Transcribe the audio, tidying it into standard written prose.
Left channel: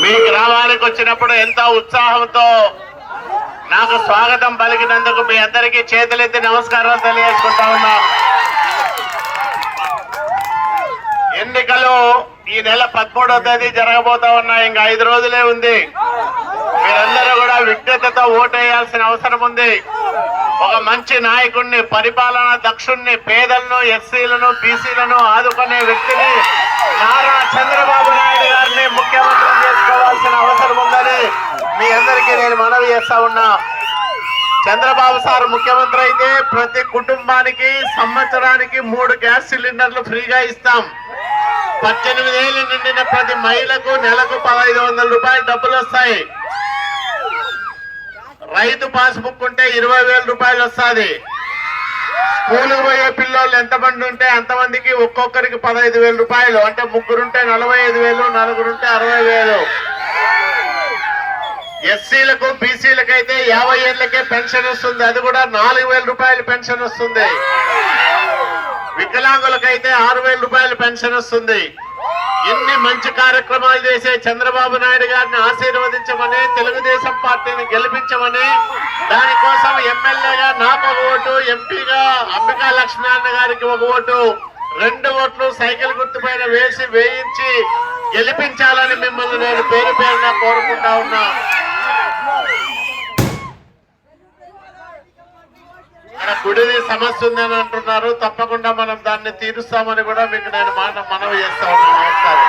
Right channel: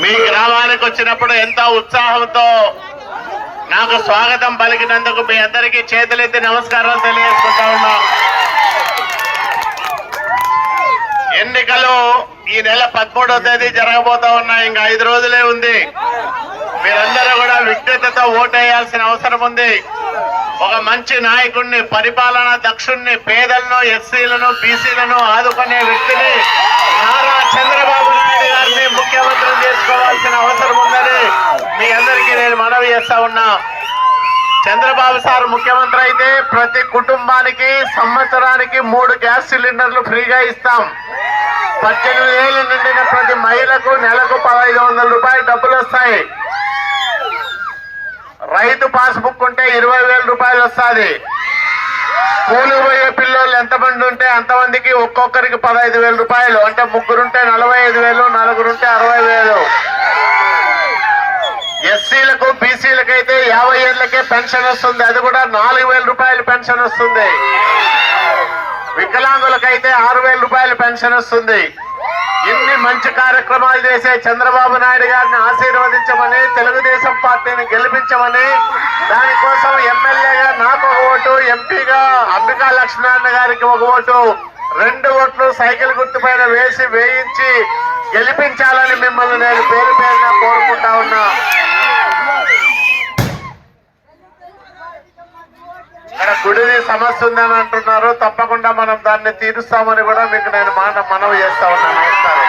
మీ గ్రామానికి వచ్చినప్పుడు ఎంతో ఉత్సాహంతో నాకు స్వాగతం పలికినందుకు మీ అందరికీ చేతులెత్తి నమస్కారాలు తెలియజేసుకుంటా ఉన్నా. ఎన్నికలు ఈ నెల 13వ తేదీ జరగబోతా ఉన్నాయి. ఇంకా 5 రోజులే ఉంది. మీరందరూ కూడా విజ్ఞతతో ఓటేయాల్సిన అవసరం ఉంది. ఒక మంచి నాయకుడిని, పరిపాలనా దక్షుణ్ణి, పేదలను, ఎస్సీలను, బీసీలను ఆదుకునే వ్యక్తిని నారా చంద్రబాబు నాయుడు గారిని ముఖ్యమంత్రిని చేసుకోవాల్సిన అవసరం ఉందని మీ అందరికీ నేను మనవి చేస్తా ఉన్నా. చంద్రబాబు సార్ ముఖ్యమంత్రి అయితే ప్రతి కుటుంబానికి సంవత్సరానికి 3 గ్యాస్ సిలిండర్లు ఫ్రీగా ఇస్తాం. 18 ఏళ్లు నిండిన ప్రతి మహిళకు నెలకు 1500 రూపాయలు డబ్బులు వస్తాయి. రైతు పాస్బుక్ ఉంటే 20,000 రూపాయలు వస్తుంది. స్కూలుకు పోయే పిల్లలు ఎంతమంది ఉంటే అంతమందికి ఒక్కొక్కరికి 15,000 రూపాయలు, అంటే 3 ఉంటే 45,000, 4 ఉంటే 60,000. ఎస్సీలకు, బీసీలకు అయితే 50 ఏళ్లకే పెన్షన్ వస్తుంది. అది కూడా 4,000 రూపాయలు పెన్షన్ వస్తుంది. వికలాంగులకైతే 6,000 రూపాయలు పెన్షన్ వస్తుంది. ఇన్ని మంచి కార్యక్రమాలు చేసే చంద్రబాబు నాయుడు గారిని ఆశీర్వదించమని, తెలుగుదేశం పార్టీని గెలిపించమని, దానికోసం ఎమ్మెల్యేగా నాకు 1 ఓటు, ఎంపీగా అంబికా లక్ష్మీనారాయణ గారికి 1 ఓటు, 2 ఓట్లు సైకిల్ గుర్తుపైన వేయించి గెలిపించాలని మిమ్మల్ని నేను పేరు పేరున కోరుకుంటా ఉన్నా. ఇక్కడ గుడిని సమస్య ఉందని అంటున్నారు. తప్పకుండా మనం దాన్ని తీరుస్తామని కూడా మీకు నేను మనవి చేస్తా ఉన్నా. నమస్కారం.